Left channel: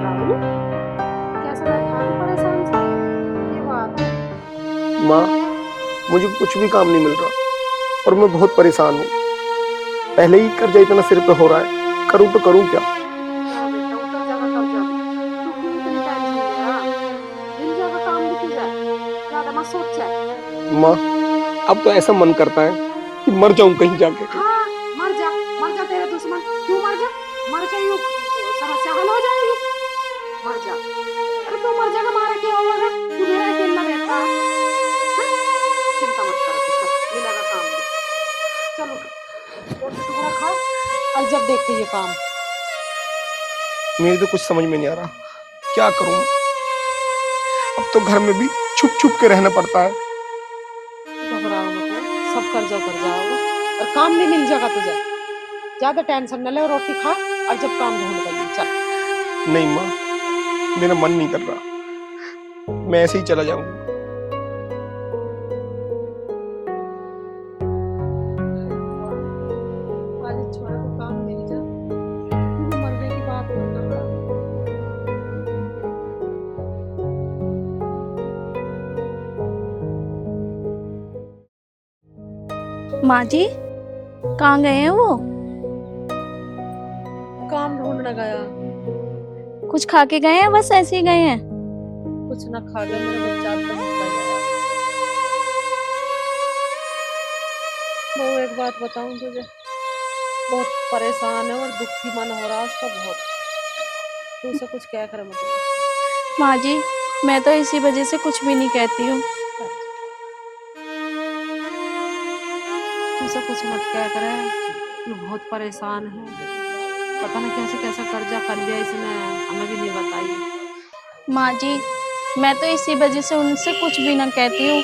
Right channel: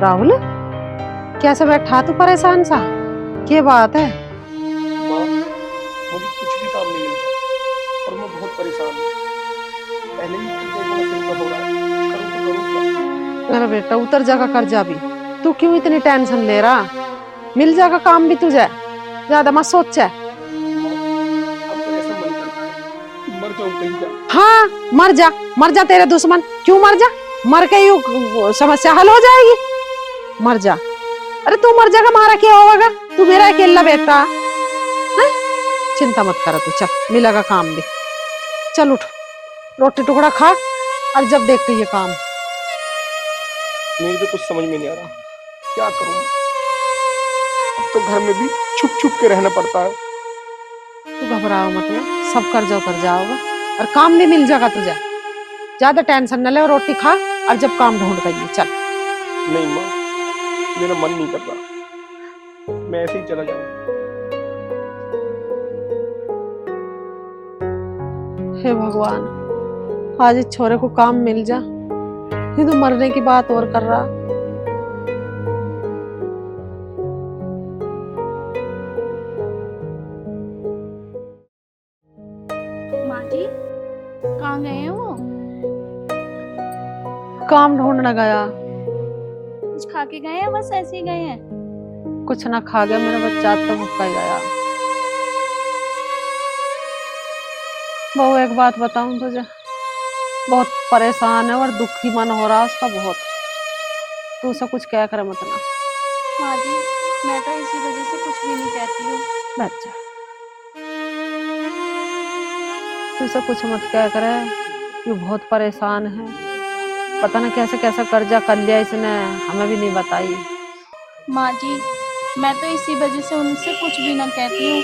राहुल, कैसे बैठा तू परेशान सा? क्या बात है? माँ, मुझे कुछ भी काम नहीं मिल रहा और मैं बहुत परेशान हूँ। पहले ही कर्जा इतना सिर पे हो रहा है, करूँ तो करूँ क्या? अरे बेटा, उतर जाएगा कर्जा भी। तू क्यों इतनी टेंशन ले रहा? मिल जाएगा काम भी तुझे, ज्यादा मत सोच। माँ, अब तो ऐसा मन करता है कि मर जाऊं कहीं जाके। हाँ, मर जा, मर जा तेरे दुश्मन। क्यों मर जा? मर के यू समस्या हल हो जाएगी। मर जा। अरे तू मर जाएगा, मारा क्या होगा? तू मेरा अकेला बेटा है? चिंता मत कर तू, चल मिलेगा काम भी। चल उठ, रोटी टुकड़ा खा और जब देखते ये काम। मेरी तो कुछ समझ में नहीं आ रहा, क्या करूं? अब तो घर में भी छुप छुप के रहना पड़ता है। तू घबराओ मत, सब कर्जा कर जाओगा और काम भी मिल जाएगा तुझे। ज्यादा टेंशन न ले और रोटी खा और जब काम ढूंढ गई चल। नहीं माँ, मेरा मन नहीं कर रहा, मैं ऐसे ही चला जाऊंगा। हे भगवान, आज इस छोरे को काम मिल जा। ये तो मरने की बात और कर रहा। माँ जी, कहाँ गए हैं वो? काम ढूंढने गया। कुछ खा के गए हैं, बस ऐसे ही गए हैं? कुछ ना खा गया, मेरा बच्चा तो भूखा ही गया। बहू, एक बात बताऊं तुझे, बहुत परेशान है और दुखी मन हो रहा उसका बहुत। तू उसे कुछ कह कर मत ना। माँ जी, मैं तो इसी वजह से कुछ भी नहीं कहती हूँ। बच्चा, तू उसे कुछ मत कह कर, ये बहुत परेशान है। पता ना कैसे कैसा कर्जा कर लिया इसने, हमें भी नहीं बताई। माँ जी, मैं तो इसी वजह से उनसे कुछ भी ना कहती हूँ।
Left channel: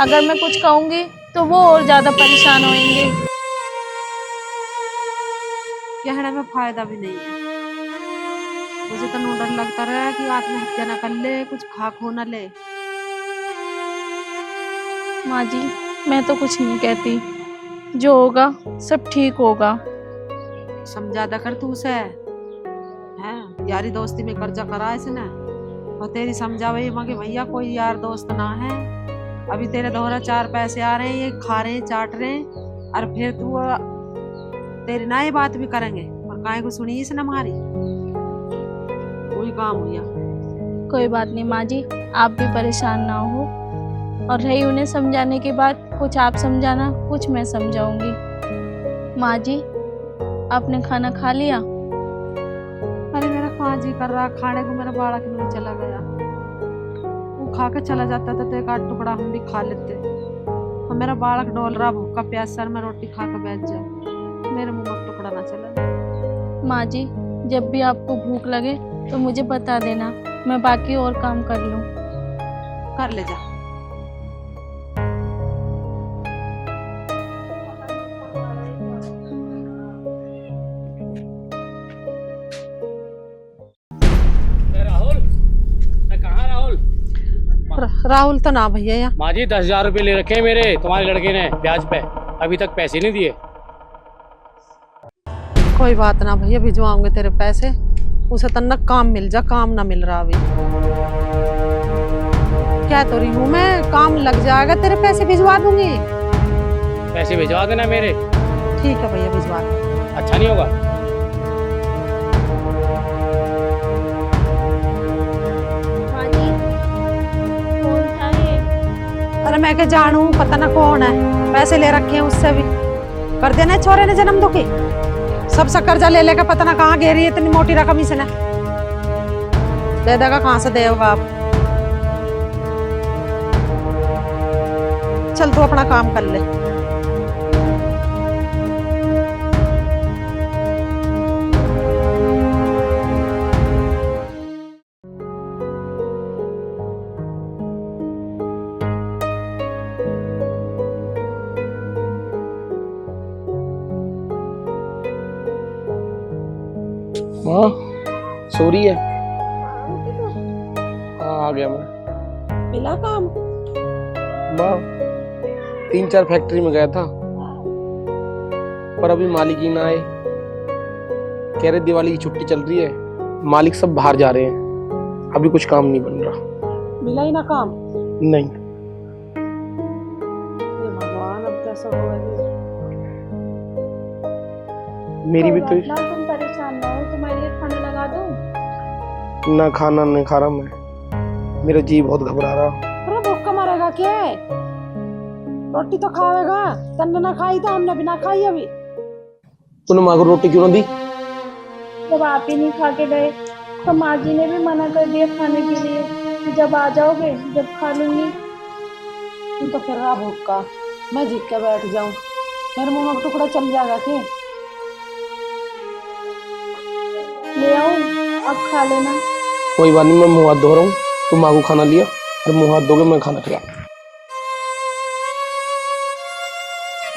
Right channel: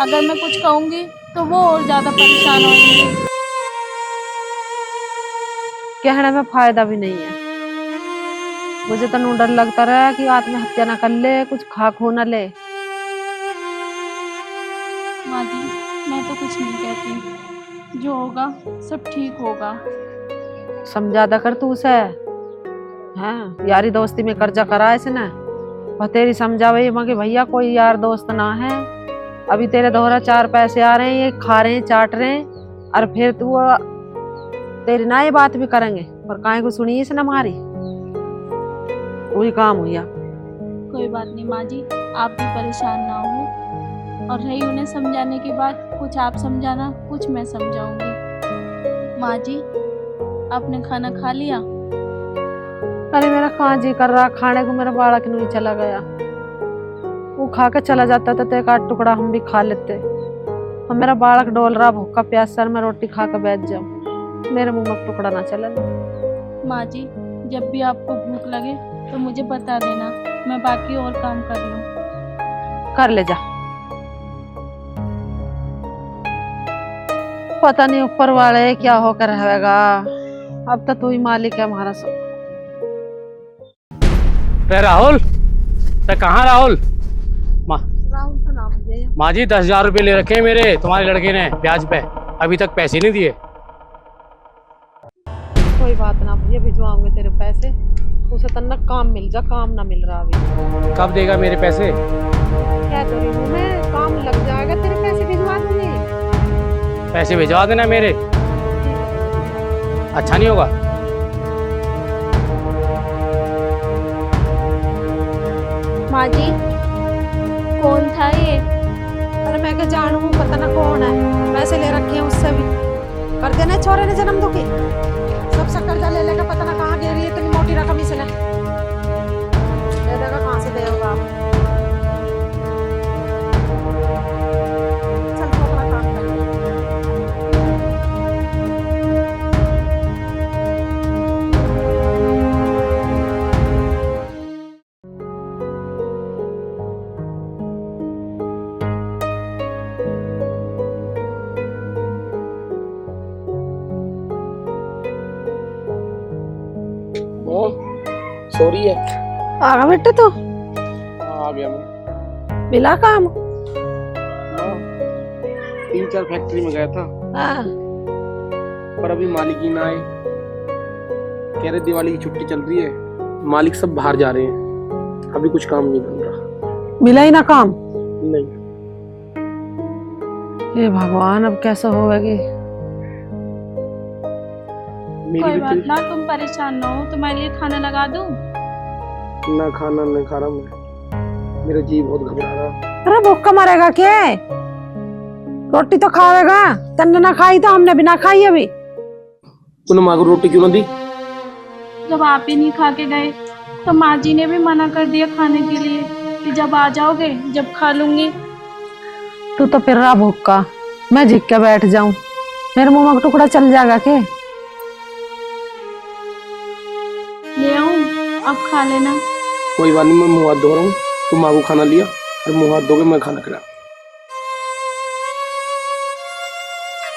अगर मैं कुछ कहूँगी तो वो और ज्यादा परेशान होंगे। कहने में फायदा भी नहीं है। मुझे तो डर लगता रहा कि आत्महत्या ना कर ले, कुछ खा खो ना ले। माँ जी, मैं तो कुछ नहीं कहती, जो होगा सब ठीक होगा। समझादा कर तू उसे। हाँ, यारी दोस्ती में कर्जा करा इसने और तेरी समझावे कि भैया कोई यार दोस्त ना है। अभी तेरे दोहरा 4 पैसे आ रहे हैं, ये खा रहे हैं, चाट रहे हैं, और फिर तू तेरी ना ये बात भी करेंगे और काहे को सुनी इसने हमारी। वही काम हुआ। कोई बात नहीं माँ जी, आप भी परेशान ना हो। और रही उन्हें समझाने की बात, कुछ आप समझाना, कुछ मैं समझाऊंगी। माँ जी, आपने खाना खा लिया? अरे मेरा कहाँ जी कर रहा खाने को, मेरा बालक नहीं चला गया। वो खा के चला जाता था तो एक आध टुकड़ा हम भी खा लेते। और मेरा बालक डोल रहा भूखा प्यासा, मैं रोटी खा के बैठ जाऊं, मेरे मुंह में टुकड़ा ना चला जाए। माँ जी, जब भी आपको भूख लगे तो मुझे बता देना, मैं बाकी और काम कर लूं। कर ले जा। पता नहीं ऊपर वाले क्या होकर रहेगा, अब तो तू ही मालिक है हमारा सब। राहुल, तो कहाँ राहुल? राहुल तो ना भैया यहाँ। माँ जी 10,000 रुपये ले रखे मेरे तुम्हारे लड़के ने ब्याज पे, अभी तक पैसे नहीं दिए। कोई बात ना भैया, भिजवाऊंगे तेरे पैसे। उसे तन्ना काम मिल जा, काम ना मिल रहा अभी। कब देगा मेरे पैसे? क्या तो रही हूँ मैं, काम लग जाएगा, तेरे पैसे भिजवा दूंगी। पैसे भिजवा देना मेरे। ठीक है भैया, भिजवा दूंगी। अच्छा नहीं होगा? माँ जी, कौन था ये? अरे मैं क्या जानू, पता ना कौन है। पैसे ले रखे हैं उससे भी। कर देना छोरे ने जन्म दुखी, सबसे कर्जा ले लेकर पता ना कहाँ गिरी, इतनी मोटी रकम इसने दे देगा, कहाँ से देगा आप। चल तू अपना काम कर ले। हाँ, सॉरी है। आ गया बेटे तो? हाँ, आ गया मैं। मिला काम? वाह, 3-4 फैक्ट्री में गया था, हाँ। पर अभी मालिक ही ना आए। कह रहे दिवाली की छुट्टी चल रही है, मालिक सब बाहर जा रहे हैं, अभी कुछ काम नहीं बन रहा। मिला ही ना काम? नहीं। हे भगवान, अब कैसे होगी? मेरी कोई भी बात ना, तुम परेशान ना हो, तुम्हारे लिए खाना लगा दूं? ना खाना नहीं खा रहा मैं, मेरा जी बहुत घबरा रहा। अरे भूखा मरेगा क्या? रोटी तो खाएगा। तन्ने ना खाई तो हमने भी ना खाई अभी। तूने माँ को रोटी क्यों ना दी? जब आप ही नहीं खा के गए तो माँ जी ने भी मना कर दिया खाने के लिए कि जब आ जाओगे जब खा लूंगी। तू तो फिर रहा भूखा, मैं झिक के बैठ जाऊं, मेरे मुंह में टुकड़ा चल जाएगा के? ले आऊं, आप खा लेना। कोई बात नहीं, मैं मुंह हाथ धो रहा हूँ, तू माँ को खाना लिया और मुंह हाथ धो के मैं खाना खिला।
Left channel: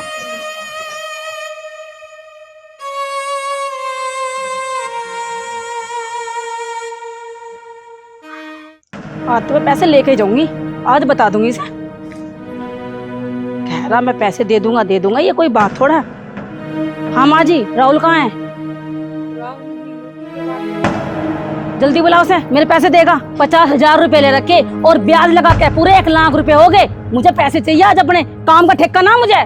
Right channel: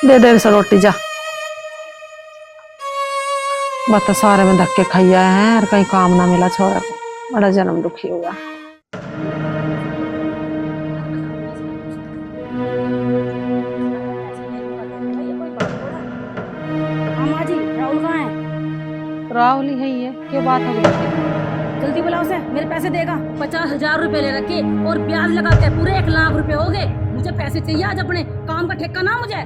दे दे इसे रोटी जा। बता सारे में धक्के खाइया है और कहीं काम ना मिला छोरा को, बड़ा जन्म दुखी हुआ। आज तो मैं पैसे लेके ही जाऊंगी, आज बता दूंगी इसे। कह रहा मैं पैसे दे दूंगा, ये कोई बात थोड़ा है। हाँ माँ जी, राहुल कहाँ है? राहुल ही है ये, क्या बात है? जल्दी बुलाओ उसे, मेरे पैसे देगा। 50,000 रुपए ले रखे और ब्याज लगा के पूरे 1 लाख रुपए हो गए। मुझे पैसे चाहिए आज, अपने काम का ठेका ना मुझे।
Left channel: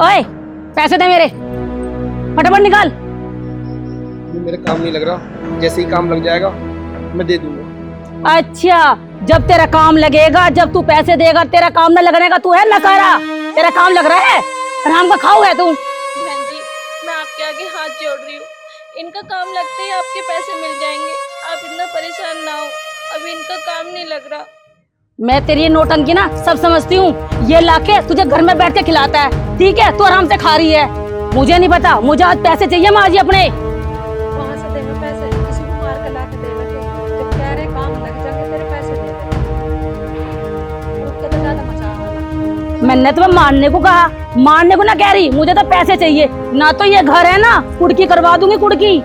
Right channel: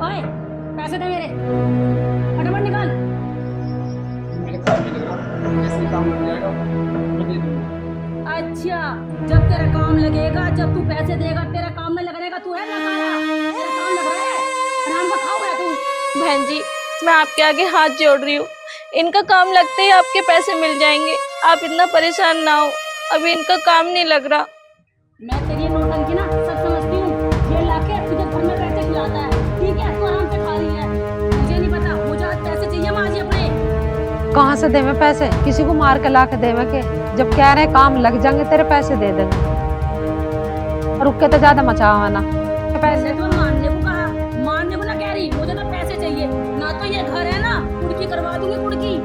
ओए, पैसे दे मेरे, फटाफट निकाल। मेरे काम नहीं लग रहा, जैसे ही काम लग जाएगा मैं दे दूंगा। अच्छा, जब तेरा काम लगेगा, जब तू पैसे देगा, तेरा काम न लगने का तू है नकारा? तेरा काम लग रहा है, आराम का खाओ है तू। बहन जी, मैं आपके आगे हाथ जोड़ रही हूँ, इनका काम लगते ही आपके पैसे मिल जाएंगे। आप इतना परेशान ना हो, अभी इनका काम नहीं लग रहा। मैं तेरी ये नौटंकी ना सब समझती हूँ। ये लाके तुझे घर में बैठ के खिलाता है, ठीक है? तू आराम से खा रही है। मुझे नहीं पता, मुझे आज पैसे चाहिए माँ जी अपने। कहाँ से देवे पैसे? किसी को मार के ला के देवे के? जब कह रहे काम लग जाएंगे तेरे पैसे दे दे। रुक के तो ज्यादा मचावा ना। मैंने तुम्हें मारने को कहा, मारने को ना कह रही, मुझे तो पैसे चाहिए। ना तो ये घर है ना, कुड़की करवा दूंगी, कुड़की।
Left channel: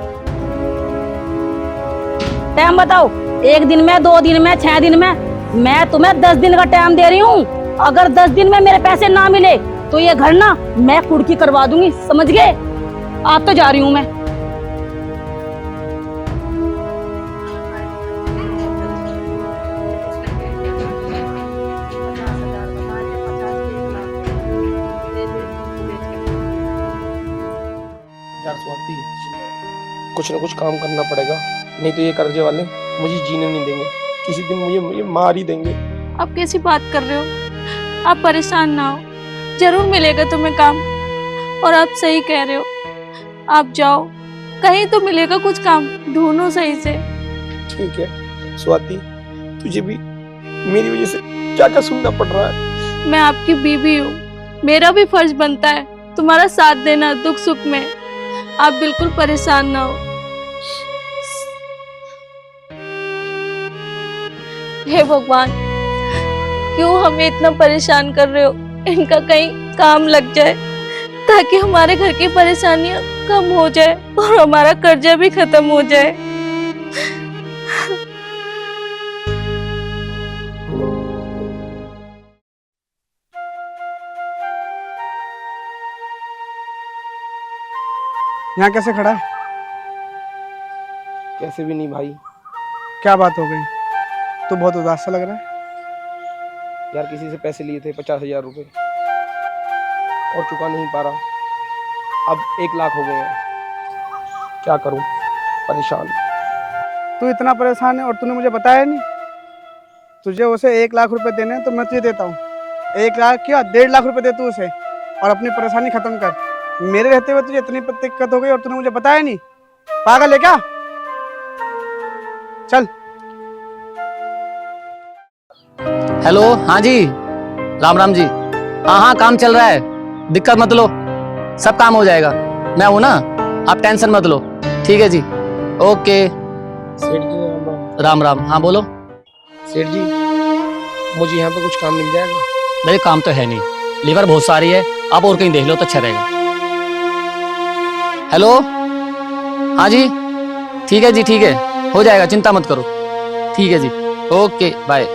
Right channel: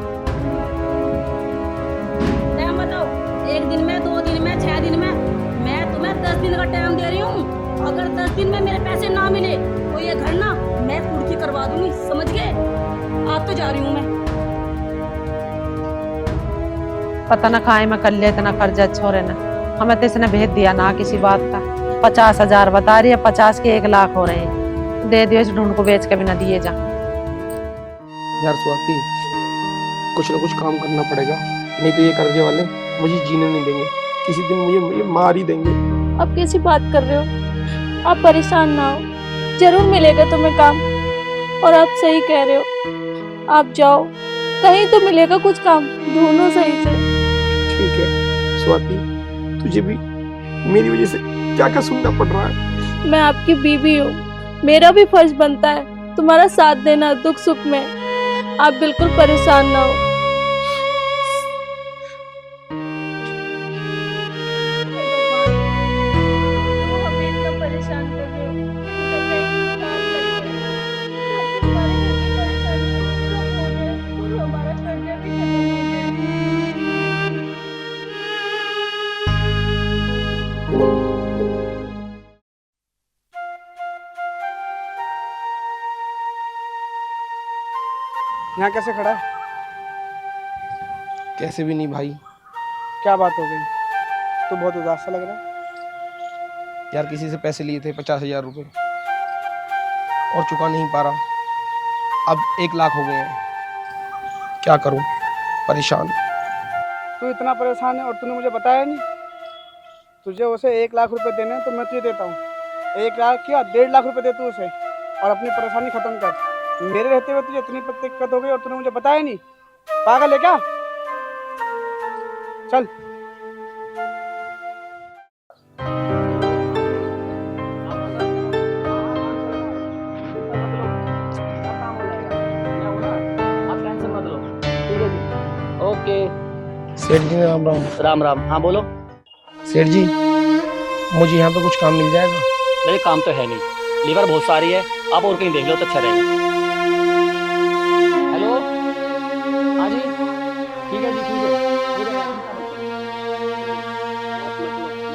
टाइम बताओ, 1 दिन में, 2 दिन में, 6 दिन में? मैं तुम्हें 10 दिन का टाइम दे रही हूँ। अगर 10 दिन में मेरे पैसे ना मिले तो ये घर ना मैं कुड़की करवा दूंगी, समझ गए? आज तो जा रही हूँ मैं। पता ना खाए में कर ले इतना कर्जा छोरे ने, हमें तो इसने भेज दिया ना किसी बात का। 50,000 बता रही है, 50 के 1 लाख हो रहे हैं। दे दियो, इस ढूंढ को बेच के भी ना दिए जा। यार स्वाति, कुछ ना कुछ काम करना पड़ेगा, नहीं तो ये कर्जे वाले मुझे जीने नहीं देंगे। किसी दिन मुझे मार ही देंगे। आप कैसी बात कर रहे हो? आप परेशान ना हो, जरूर मिलेगा तुम्हें काम। और आप सही कह रहे हो, आप जाओ, कहीं तो मिलेगा कुछ काम, ढूंढो सही से। ठीक है स्वाति, तुझे भी मेरी वजह से क्या क्या सुनना पड़ रहा है। मैं आपकी बीवी हूँ, मेरा भी फर्ज बनता है तुम्हारा साथ देना दुख सुख में। आप बिल्कुल परेशान ना हो। हे भगवान, क्यों हमें इतना परेशान कर रहे हो? इनका कहीं काम लग जाए ताकि हमारे घर की परेशानियां कम हो जाए और हमारा कर्जा भी खत्म हो जाए। यहाँ कैसे खड़ा है? कैसे भी नहीं भाई। क्या बात हो गई? तो बहुत उदास सा लग रहा है। यार किसी से पैसे लिए थे 50,000 रुपए और चुका नहीं पा रहा, अब 1 लाख हो गए हैं। क्या करूं, परेशान। तू इतना परेशान है और तूने मुझे बताया नहीं। तुझे उसे 1 लाख रुपए देने हैं तो मैं तुझे देता हूँ। 1 लाख क्या, 1.5 लाख रुपए दे तू उसे और अपनी परेशानी खत्म कर। मेरे रहते हुए तुझे इतनी दिक्कत हो गई और तूने मुझे बताया नहीं। पागल है क्या? चल। हेलो, हाँ जी, राम राम जी। हाँ हाँ, काम चल रहा है, दिक्कत मत लो, सब काम हो जाएगा। मैं हूँ ना, आप टेंशन मत लो। ठीक है जी, ओके। सेठ जी राम राम। राम राम, हाँ बोलो। सेठ जी, मुझे यहाँ पे कुछ काम मिल जाएगा? मेरे काम तो है नहीं, लीवर बहुत सारी है, आप और कहीं देख लो तो अच्छा रहेगा। हेलो, हाँ जी, ठीक है जी, ठीक है, हो जाएगा, चिंता मत करो। ठीक है जी, ओके, बाय।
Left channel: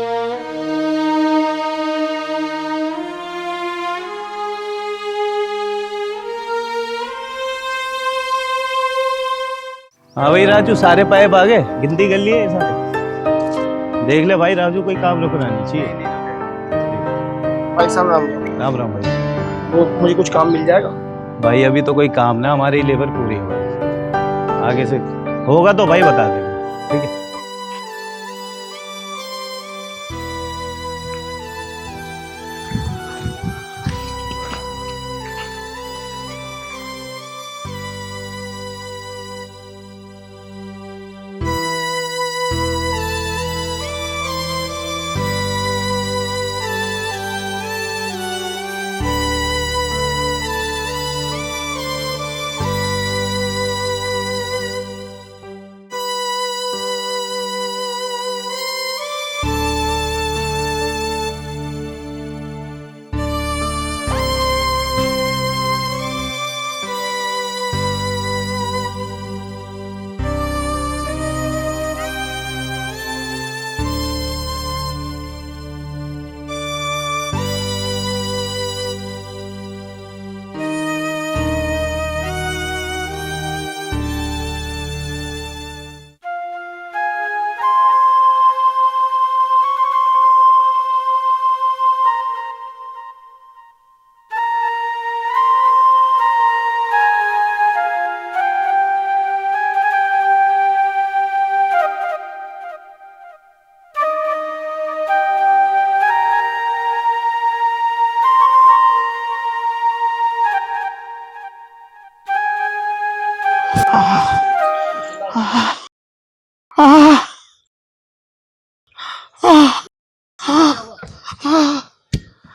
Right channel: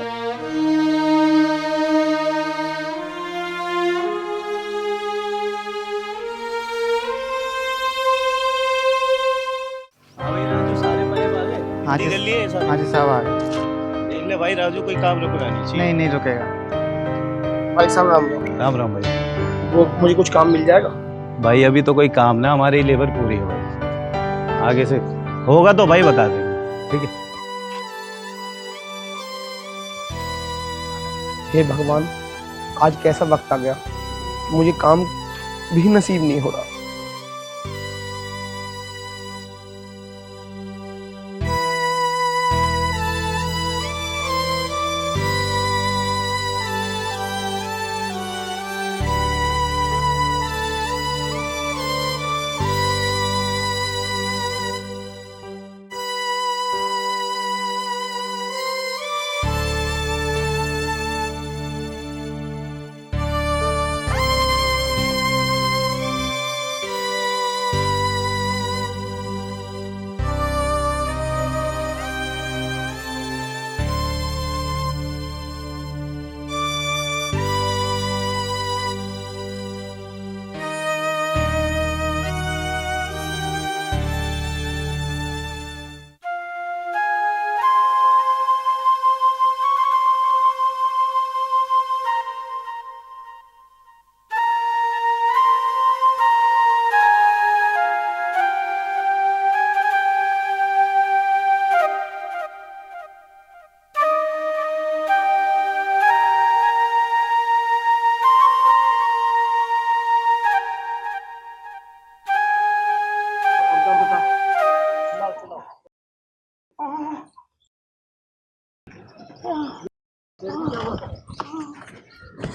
हाँ भाई राजू, सारे पाइप आ गए, गिनती कर लिए सब। हाँ जी साहब आ गए। देख ले भाई राजू, कोई काम रुकना नहीं चाहिए। नहीं नहीं रुकेगा। भाई साहब राम राम। राम राम भाई। वो मुझे कुछ काम मिल जाएगा? भाई अभी तो कोई काम ना, हमारी लेबर पूरी है भाई, आगे से होगा तो भाई बता देंगे, ठीक है। हे भगवान, आज कैसा वक्त आ गया, मुझे काम भी नसीब नहीं हो रहा।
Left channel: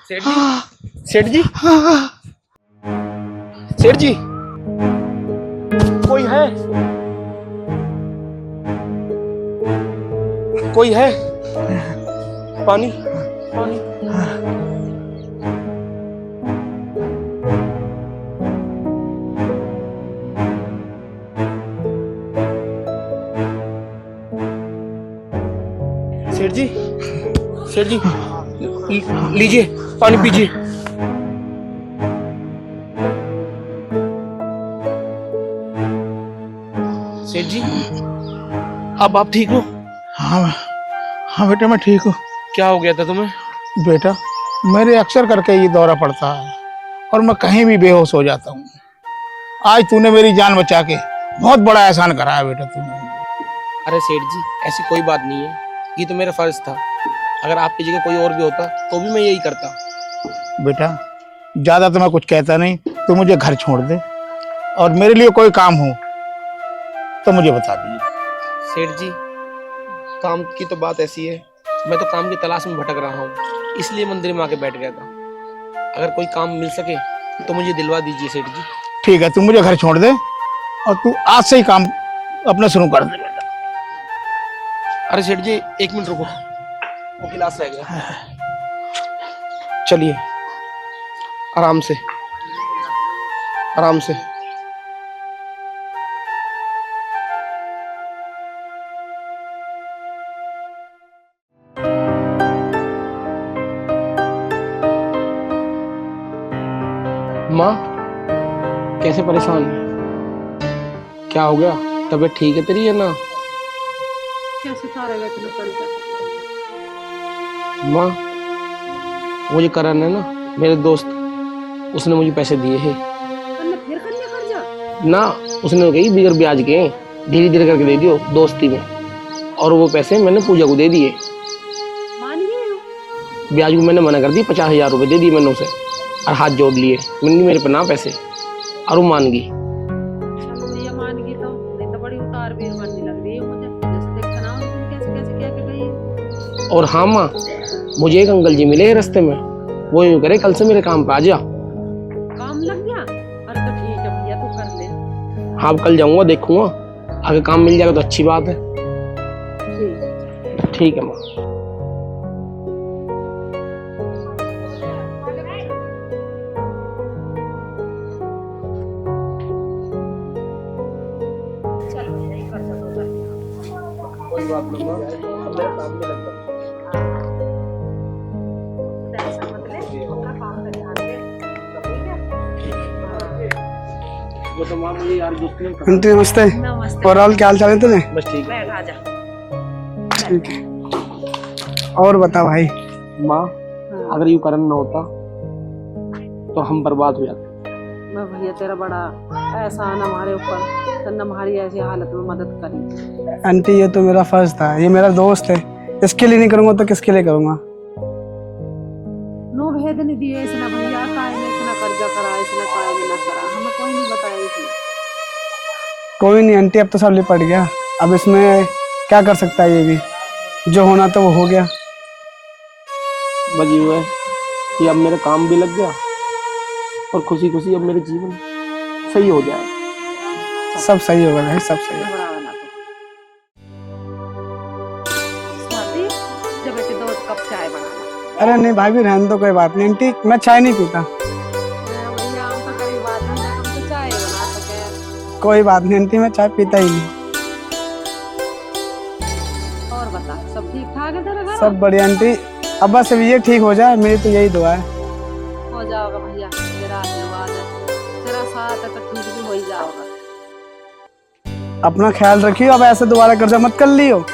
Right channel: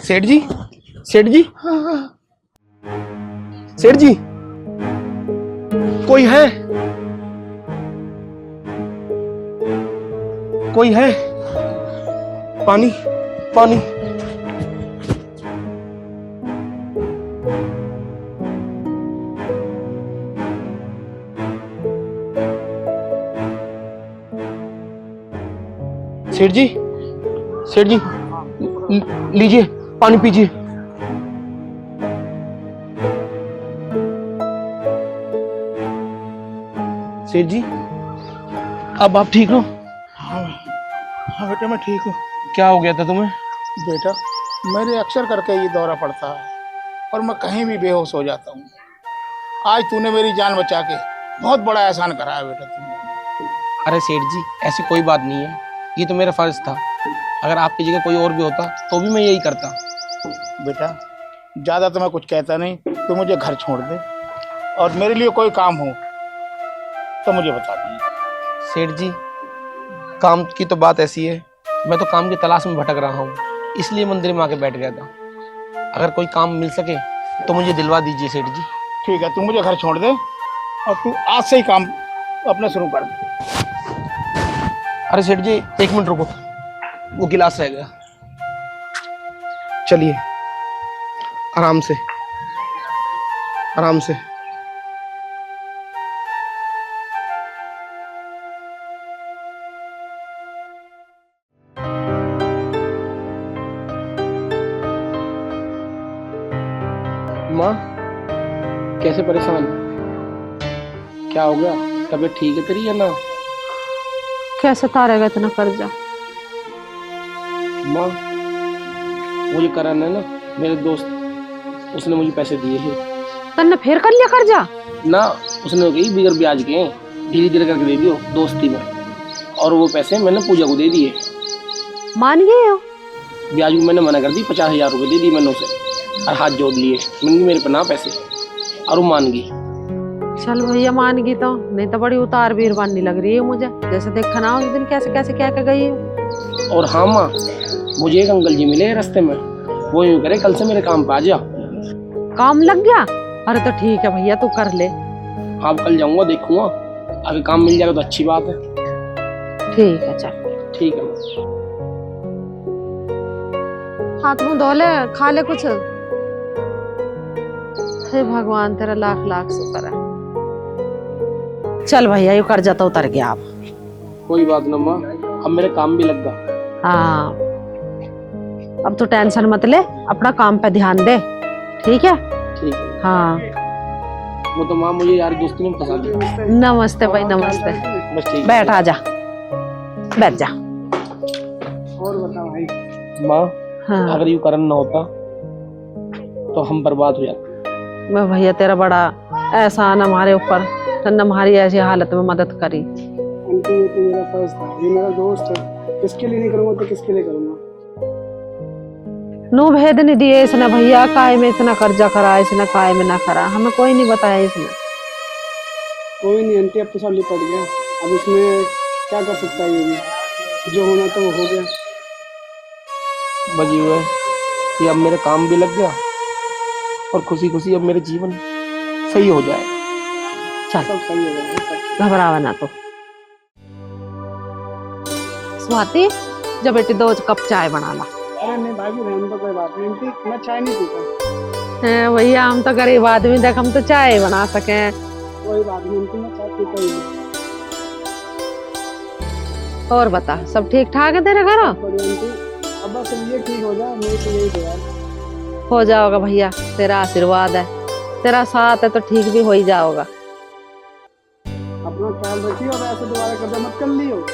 सेठ जी, सेठ जी, सेठ जी, कोई है? कोई है? पानी, पानी। सेठ जी, सेठ जी, लीजिए पानी पीजिए। सेठ जी, अब आप ठीक हो? हाँ हाँ बेटा मैं ठीक हूँ। क्या हो गया था तुम्हें? बेटा मेरे अक्सर करके ये दौरा पड़ता है और मैं कहीं भी बेहोश हो जाता हूँ। आज तूने मेरी जान बचा के बहुत बड़ा एहसान करा है बेटा तूने। अरे सेठ जी, ऐसी कोई बात नहीं है, ये तो मेरा फर्ज था। अगर आपकी जगह कोई और भी होता तो भी मैं यही करता। बेटा ज़्यादा तो मैं कुछ कहता नहीं, तू मुझे घर छोड़ दे और मेरे लिए कोई काम हो तो मुझे बता दे। सेठ जी, काम की तो बात ऐसी है, मैं तो काम की तलाश में भटक रहा हूँ, इसलिए मंदिर में आके बैठ गया था। अगर कोई काम मिल सके तो मुझे दिलवा दीजिए सेठ जी। ठीक है, तू मुझे घर छोड़ दे और तू आज से ही काम अपना शुरू कर दे बेटा। अरे सेठ जी, एक मिनट रुको, वो गिलास रह गया। चलिए, आराम से, आराम से। माँ, कैसे परेशान है? क्या हो गया? तबीयत ठीक है तेरी या ना? कैसे उतारेगा इतना कर्जा? माँ, वो ये करण है ना, मेरे दोस्त, उसने मुझे पैसे दिए हैं। तन्ने फिर कर लिया कर्जा? ना, उसने कही बिगर ब्याज के धीरे धीरे करके दे दियो दोस्ती में, और वो पैसे मैंने पूजा को दे दिए। मान गए हो? ब्याज को मैंने मना कर दी, 50,000 रुपए दे दिए मैंने उसे, और हाथ जोड़ लिए, मैंने मेरे पे ना पैसे, और वो मान गई। चल भैया मान गई तो, नहीं तो बड़ी उतार बीर बनने लग रही है मुझे, जैसे देखा ना उस दिन कैसे कैसे क्या कर गई है। और हाँ माँ, मुझे एक अंकल जी मिले रास्ते में, वो यूँ करे कल से मेरे काम पे आ जा। काम लग गया? अरे तो ठीक है भैया, तू कर ले। हाँ, कल जाऊंगा, देखूंगा, अगर काम मिल जाएगा तो अच्छी बात है। ठीक है चल। ठीक है माँ। हाथ मुंह धो ले, खा ले कुछ। हे भगवान, तेरा लाख लाख शुक्र है। चल भैया, ये कर्जा तो उतर गया अब। कोई बात ना माँ, अब मेरे काम भी लग गया। हाँ, अब तो टेंशन मत ले, अपना काम पे ध्यान दे, ठीक है? ठीक है। हाँ। वो तो माँ मुझे यार दोस्ती में आंटी नमस्ते। नमस्ते और भाई, हाल क्या हाल चाल है नमस्ते। तुझे? बस ठीक। बैठ, आजा, बैठ जा। और बता भाई। माँ हाँ, अगर ये करण ना होता तो हम बर्बाद हो जाते। मैं भैया तेरा बड़ा एहसान हमारे ऊपर, तन्ने हमारी ऐसी हालत में मदद करी। आंटी ये तो मेरा फर्ज था, ये मेरा दोस्त है, इसके लिए नहीं करूंगा तो किसके लिए करूंगा? नो भेद नहीं दिए इसने भैया, काय में इतना कर्जा करा, इसने काय में ना करा, हमें कोई नहीं बताया इसने। कोई नहीं आंटी, अब तो सब लिपट गया, अब इसमें क्या कर सकता है, ये भी जो होना तो वो हो गया। बस ये है कि अब मेरा काम भी लग गया और खुशी खुशी अब मेरे जीवन सही हो जाए। सब सही होगा भाई, सब सही। घबरावा ना तो। स्वाति, जब बेटी 2 कप चाय बना ला। अरे नहीं भाई, भी रहने दो, कोई बात नहीं आंटी, मैं चाय नहीं पीता। हैं, भैया हम तो गरीब आदमी, देख हम तो चाय बना सके। कोई बात नहीं आंटी, मैं चाय पीता ही नहीं। और बता, सब ठीक ठाक है तेरे घर? सब बढ़िया आंटी, अब बस अब ये ठीक हो जाए, मेरी तो यही दुआ है। हो जाओगा भैया, तेरा आशीर्वाद है, तेरा साथ है तो ठीक भी हो ही जाओगा। अपना ख्याल रखियो, अब ऐसे दोबारा कर्जा मत कर लियो।